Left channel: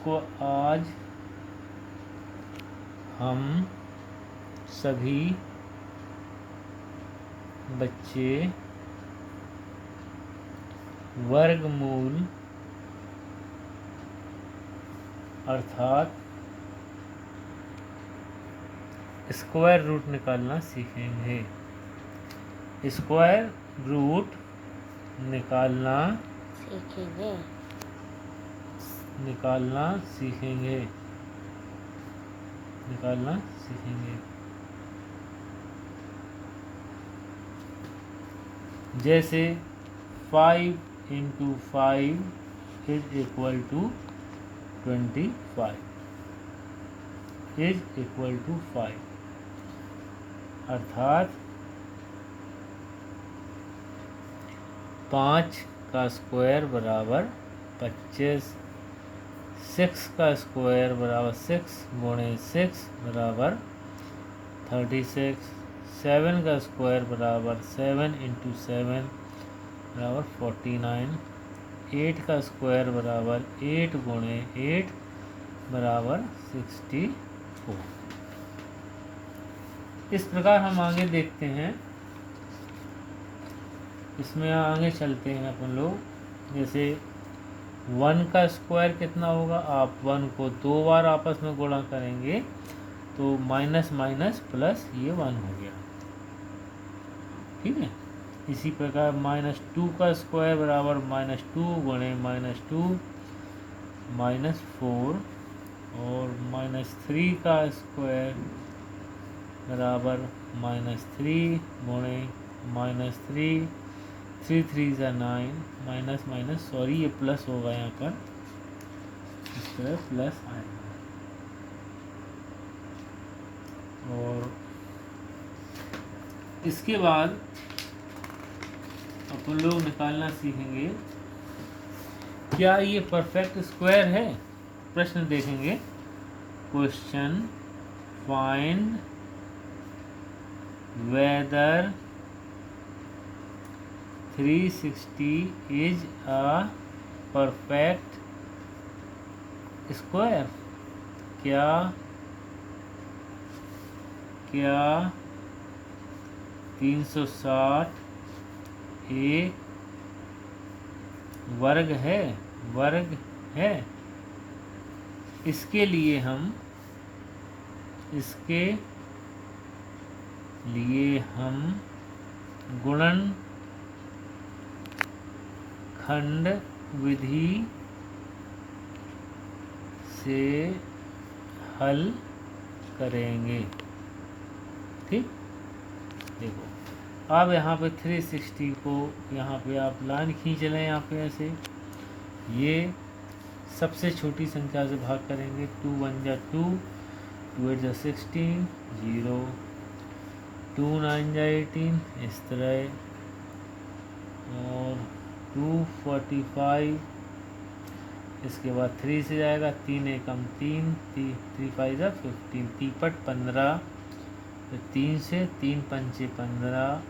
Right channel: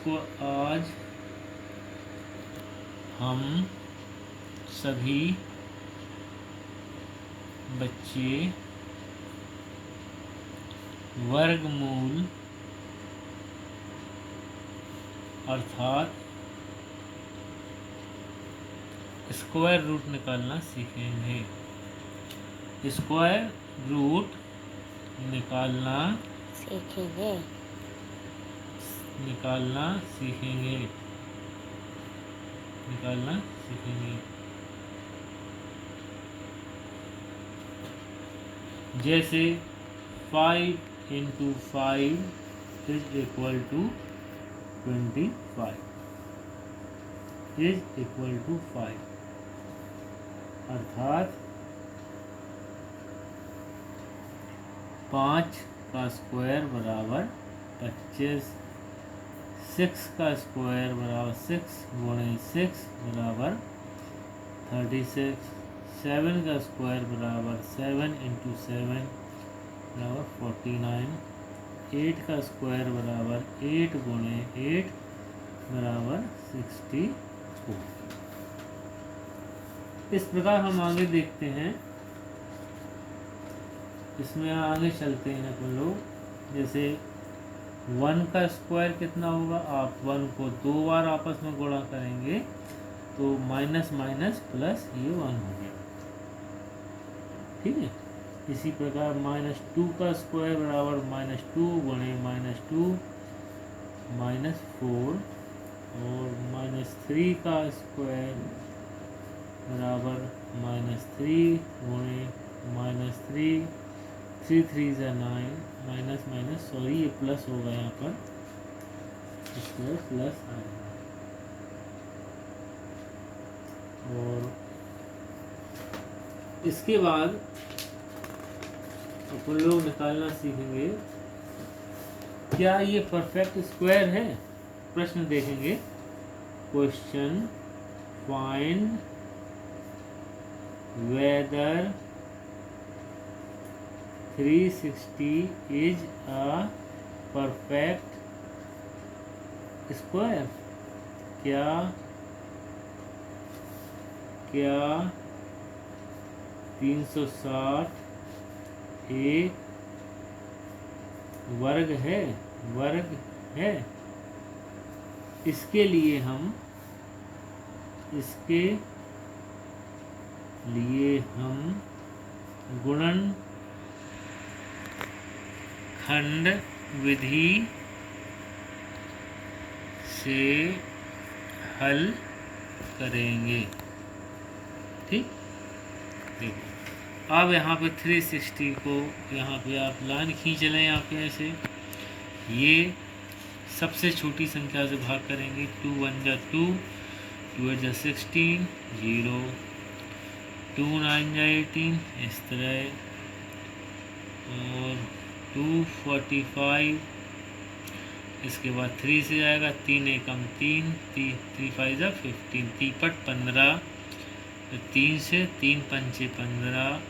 इसको आज हम सभी बच्चे वर्गमूल अर्थात स्क्वायर रूट निकालना सीखेंगे। स्क्वायर रूट निकालना सीखेंगे। जैसे 5 × 5 इज इक्वल टू 25 अर्थात 5 का स्क्वायर बराबर 25, 6 का स्क्वायर बराबर 6 गुणे 6 बराबर 36, 7 का स्क्वायर बराबर 7 × 7 बराबर 49, 8 का स्क्वायर बराबर 8 गुणे 8 बराबर 64। इस प्रकार हम आगे देखते हैं। इसमें आगे चलते हैं अपन लोग। जैसे 1 का स्क्वायर कितना होगा, आप 1 को 2 बार आपस में गुणा करेंगे तो माइनस माइनस प्लस ये 1 हो गया। ठीक है। इसी प्रकार -2 का स्क्वायर बराबर -2 गुणे -2 -4 और -3 का स्क्वायर बराबर -3 गुणे -3, 3 3 = 9, माइनस माइनस सॉरी ये प्लस होगा यहाँ पर, इस तरह प्लस आएगा। और इसके बाद अपन लोग निकालना सीखेंगे क्या ये परफेक्ट स्क्वायर है। प्रश्न देखेंगे। Question find weather 360 is a perfect square. क्या 360 एक वर्ग है। इसके लिए हम गुणनखंड विधि से हल करेंगे। ठीक। देखो अब यहाँ पे 360 को यहाँ पे आप लाइन खींच लें। यहाँ पे ऐसे ये सबसे छोटी संख्या से भाग करेंगे। 2 × 1 = 2, 2 × 8 = 16, 0, 2 × 9 = 18 इस तरह, और 245 इसके बाद 3 से जाएगा। 3 एकम 3, 3 5 = 15, 3 15, 3 से 3 पंचे 15,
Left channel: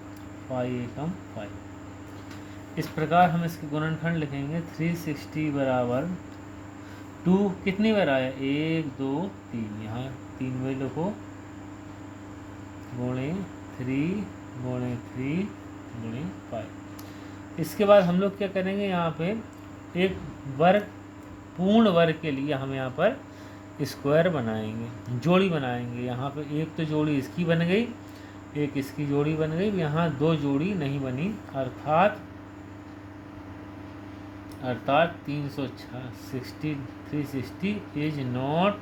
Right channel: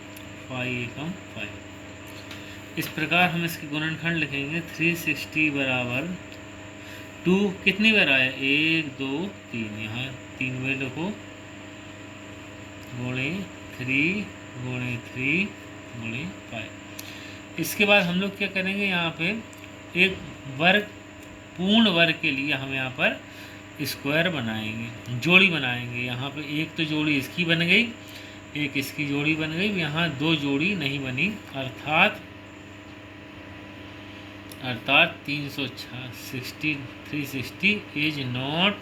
5 एकम 5। इस प्रकार हम इसके गुणनखंड लिखेंगे। 360 बराबर 2 कितनी बार आया, 1 2 3, यहाँ 3 में लिखो, गुणे 3 गुणे 3 गुणे 5। इसके बाद हम लोग क्या करेंगे, यहाँ पे एक वर्ग पूर्ण वर्ग के लिए हम यहाँ पर स्क्वायर बनाएंगे, जोड़ी बनाएंगे। यहाँ पे एक तो जोड़ी इसकी बन गई, एक इसकी जोड़ी बन गई, यहाँ 2 जोड़ी नहीं बनी, अर्थात 360 is not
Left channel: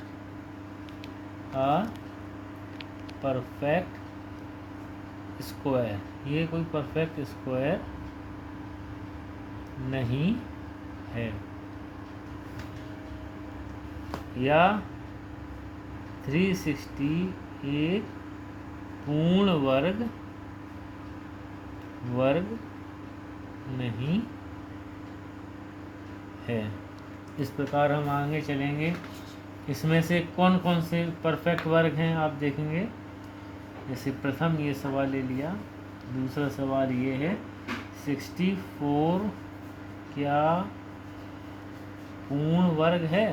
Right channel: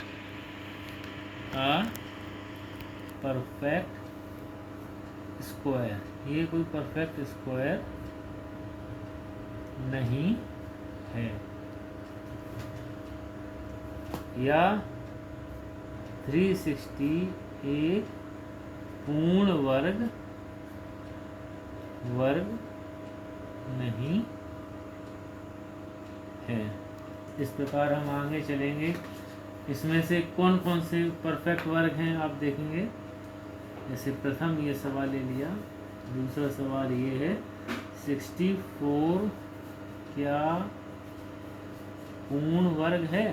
a perfect square. ये कोई परफेक्ट स्क्वायर नहीं है। या 360 एक पूर्ण वर्ग नहीं है। इस प्रकार हम आगे चलेंगे। इसमें से कौन कौन से परफेक्ट वर्ग हैं आप देखेंगे। जैसे प्रथम ये सवाल ले लिया, दूसरा सवाल ये है 64 क्या पूर्ण वर्ग है।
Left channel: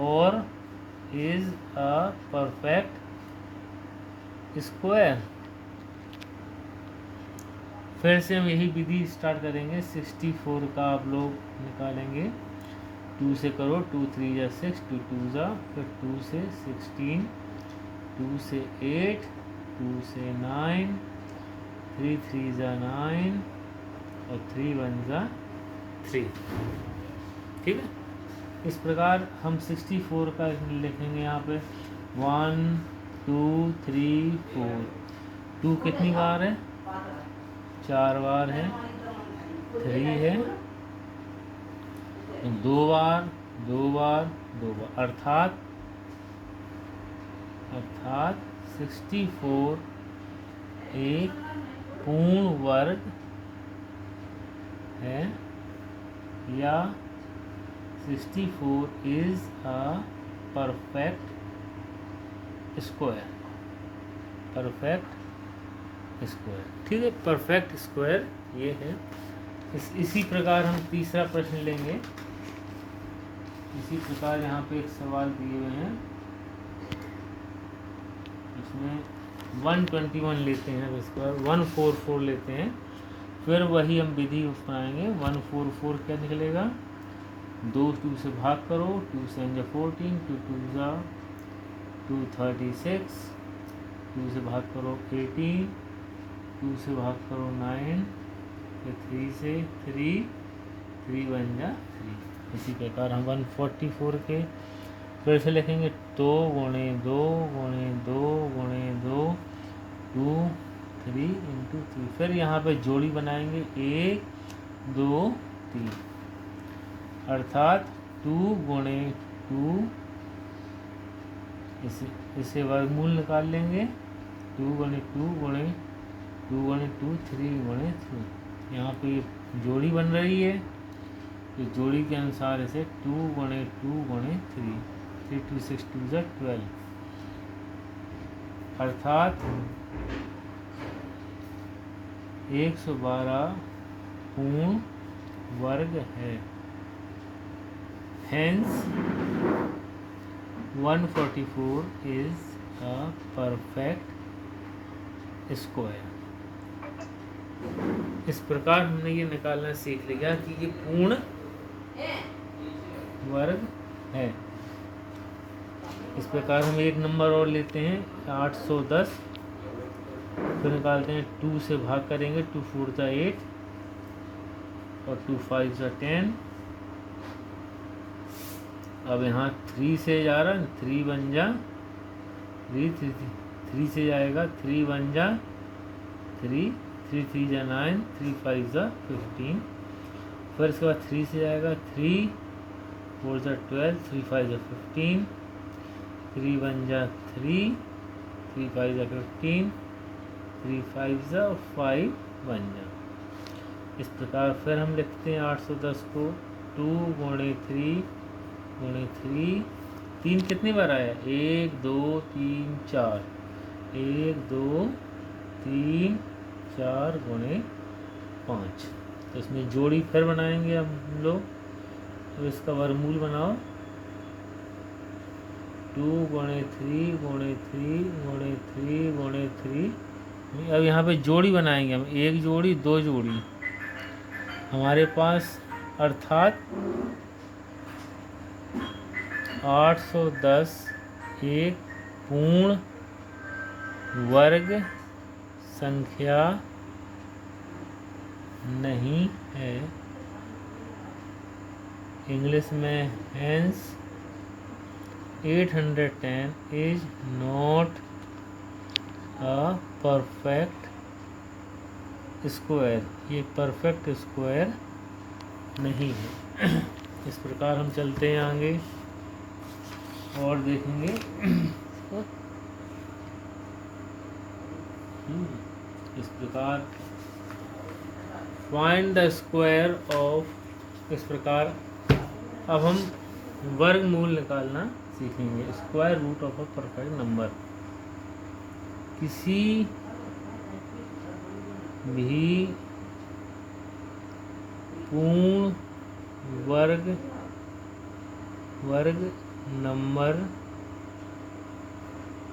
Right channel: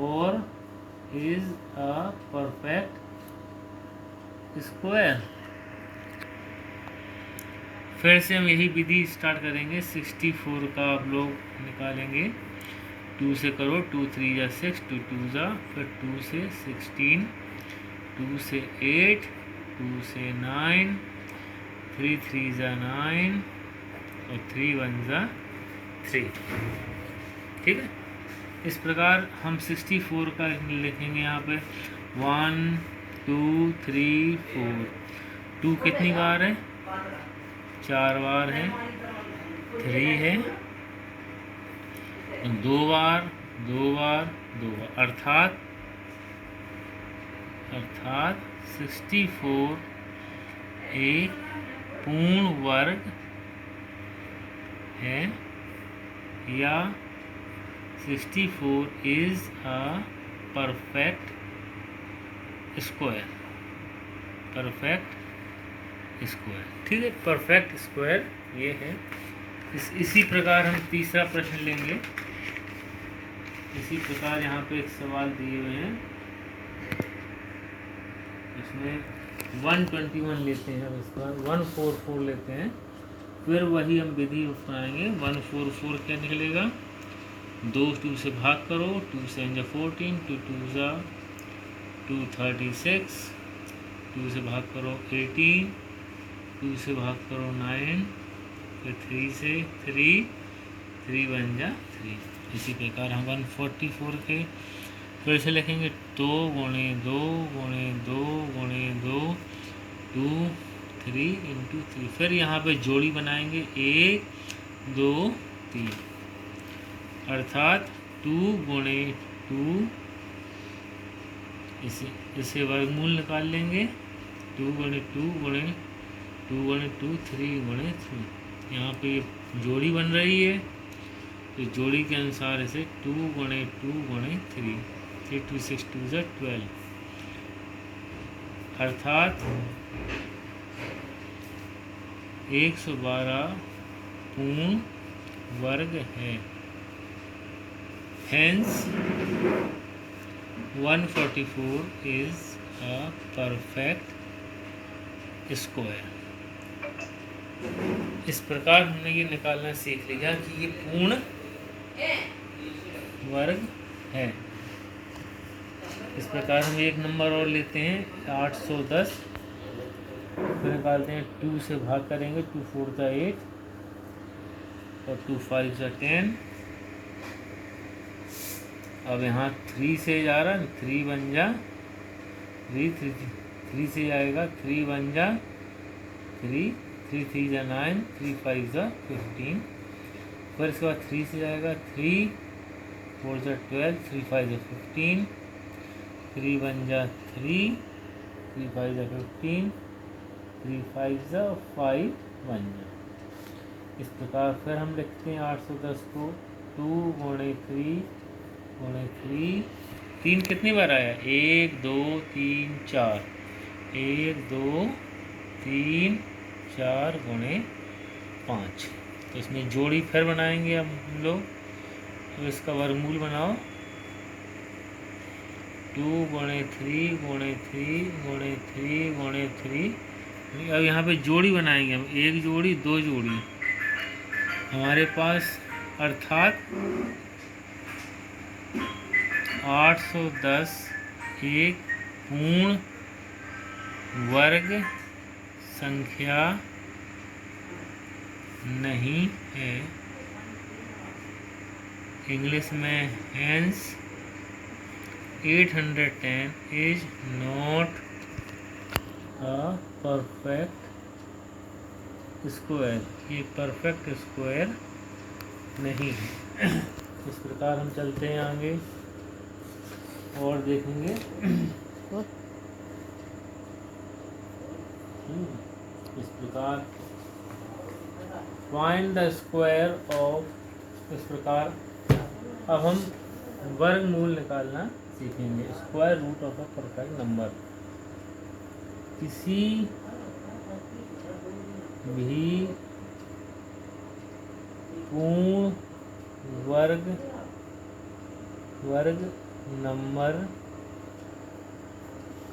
और इज अ परफेक्ट स्क्वायर। फिर से हम यही विधि स्टार्ट करेंगे। 64 का आप लोग निकालेंगे। 2 से करो, 2 3 जा 6, 2 2 जा, फिर 2 से 16, 2 से 8, 2 से 9, 3 3 जा 9 और 3 1 जा 3। ठीक है, इस प्रकार हम 64 का लिखेंगे यहाँ पे 1 2 3 4। 2 कितनी बार है? 4 बार है। 3 है 2 बार 2 बार 2 बार, अर्थात 64 एक पूर्ण वर्ग है, या 64 is a perfect square. Perfect square, ठीक है, परफेक्ट स्क्वायर ये है। इसी प्रकार हम तीसरा प्रश्न लेंगे। इसी प्रकार यहाँ पे एक सवाल दिए हुए हैं, इसमें 121 लेते हैं, इसका 144 लेते हैं, फिर वही हम विधि अपनाएंगे। 144 क्या निकलेगा? 2 2 से भाग करो, 2 7 जा 14, 2 2 जा 236, 2 से भाग करो 18, 2 से भाग करो 9, फिर 3 से 3, 3 1 जा 3। इसी प्रकार हम 144 के फिर से लिखेंगे। 2 गुणे 2 गुणे 2 गुणे 2, 2 3 इंटू 3। फिर यहाँ पे जोड़ी बनाएंगे 1 2 3, अर्थात 2 गुणे 2, इसे वर्गमूल निकाल लेंगे। 2 गुणे 2 गुणे 2 गुणे 2, 3 गुणे 3। यहाँ पे जोड़ी बन रही है, तो जोड़ी के अनुसार इसे 2 गुणे 2 गुणे 3, 3 2 6 2 जा 12, अर्थात 112 पूर्ण वर्ग है। Hence 144 is a perfect square। इस प्रकार हमने ये निकालना सीख लिया कि ये पूर्ण वर्ग है। इस प्रकार हम एक नंबर और लेते हैं 810, फिर निकालते हैं। 2 से भाग करेंगे, 2 4 जा 8 और 2 5 जा 10। अब यहाँ 3 से जा रहा है, 3 1 जा 3, 3 से जाएगा 3 1 जा 3, 3 3 जा 9, 3 5 जा 15। फिर इसके बाद 3 से जाएगा 3 4 जा 12, 3 5 जा 15, 3 1 जा 3, 3 5 जा 15, 3 5 जा 5 1 जा। इस प्रकार फिर हम लिखते हैं 810 को 2 गुणे 3 गुणे 3। 3 कितनी बार आया? 1 2 3 4, 1 2 3 4 गुणे 5। तो इसमें जोड़ी फिर बनाएंगे हम लोग। तो इसका वर्गमूल बनाओ। 2 गुणे 3 गुणे 3 गुणे 3 गुणे 3। अब यहाँ पे जोड़ी बनाएंगे हम, एक जोड़ी 2 जोड़ी हमारे पास, अर्थात 810 एक पूर्ण वर्ग संख्या नहीं है। इंग्लिश में hence 810 is not a perfect square. ये परफेक्ट स्क्वायर नहीं है। इस प्रकार हम चलते हैं आगे और देखेंगे। इस प्रकार फाइंड द स्क्वायर ऑफ, इस प्रकार अब हम वर्गमूल निकालना सीखेंगे। Square root of a perfect number. किसी भी पूर्ण वर्ग नंबर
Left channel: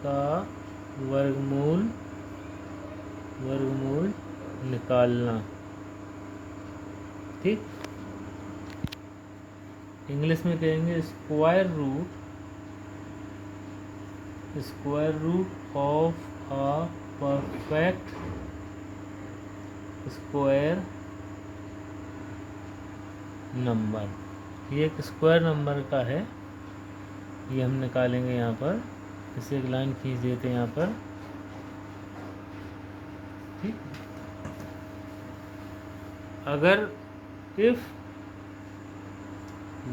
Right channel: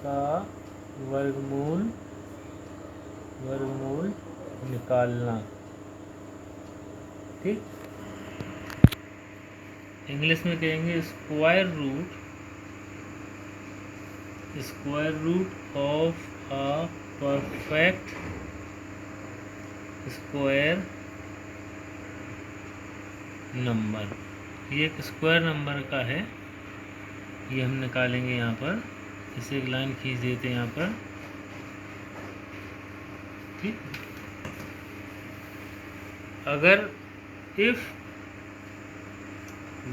का वर्गमूल निकालना। ठीक, इंग्लिश में कहेंगे square root of a perfect square number. ये एक स्क्वायर नंबर का है, ये हम निकालेंगे यहाँ पर। इसे एक लाइन खींच देते हैं यहाँ पर। ठीक, अगर if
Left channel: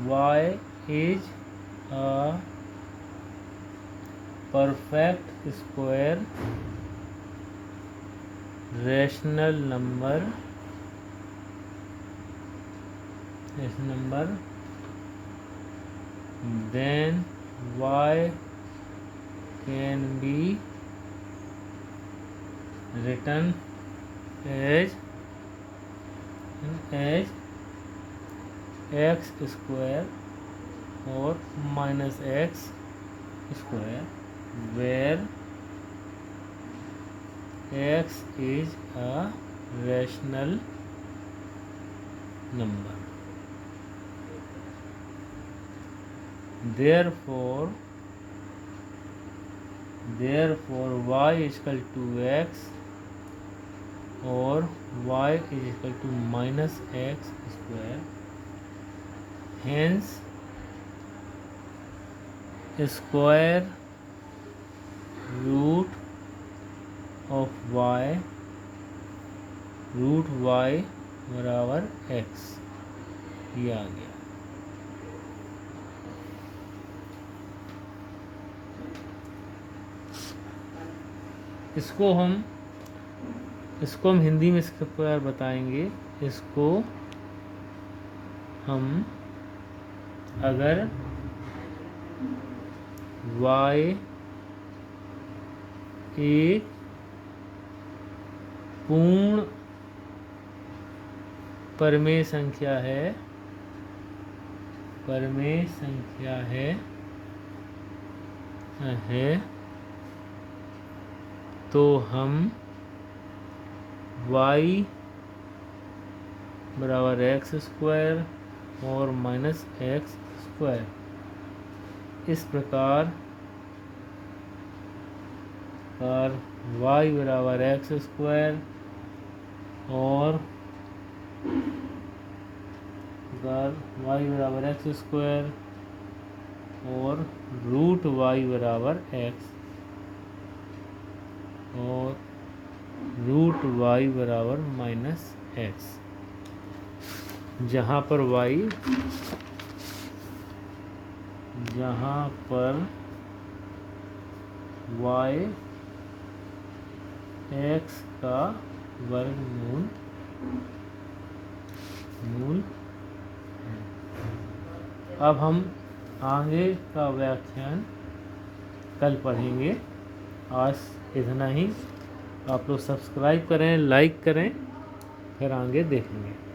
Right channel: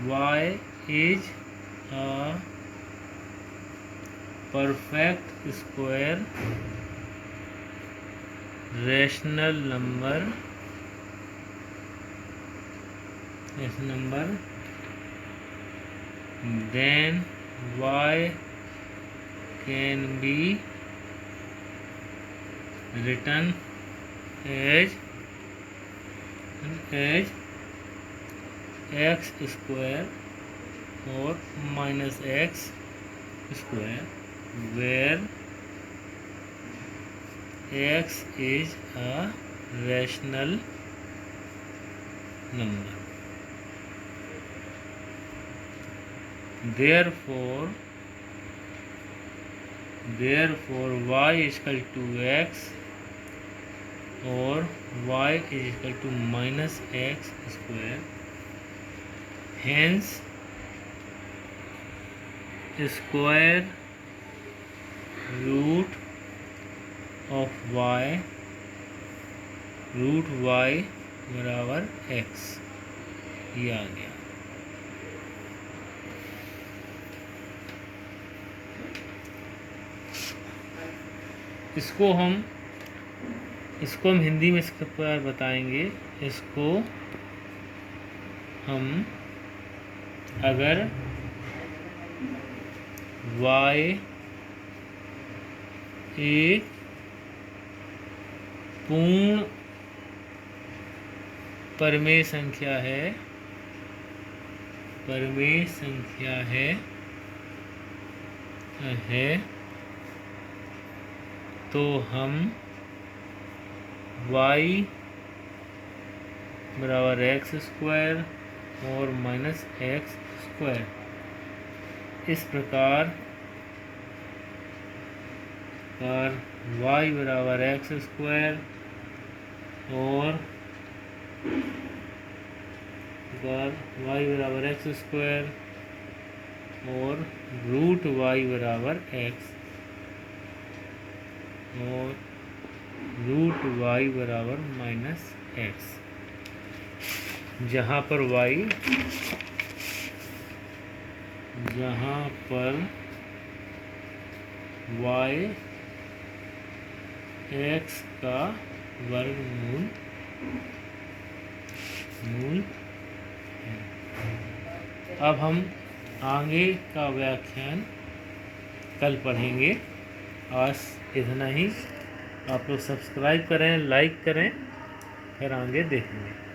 y is a perfect square rational number then y can be written as x square or minus x square, where x is a rational number. Therefore y is equal to x or y is equal to minus x square. Hence square root of y बराबर x, ये आ गया। इसको हम हिंदी में इसके प्रकार बताएंगे। इसको हम अगर y एक पूर्ण परमेय संख्या है तो हम y बराबर एक्स स्क्वायर और माइनस एक्स स्क्वायर इस प्रकार y बराबर एक्स स्क्वायर और y बराबर एक्स स्क्वायर और रूट y बराबर x और रूट y बराबर माइनस x, जहाँ पर y x का वर्गमूल है। अब हम आगे का व्याख्यान कल पढ़ेंगे। आज इतना ही। आप लोग सब्सक्राइब करें, लाइक करें, फिर आगे देखेंगे।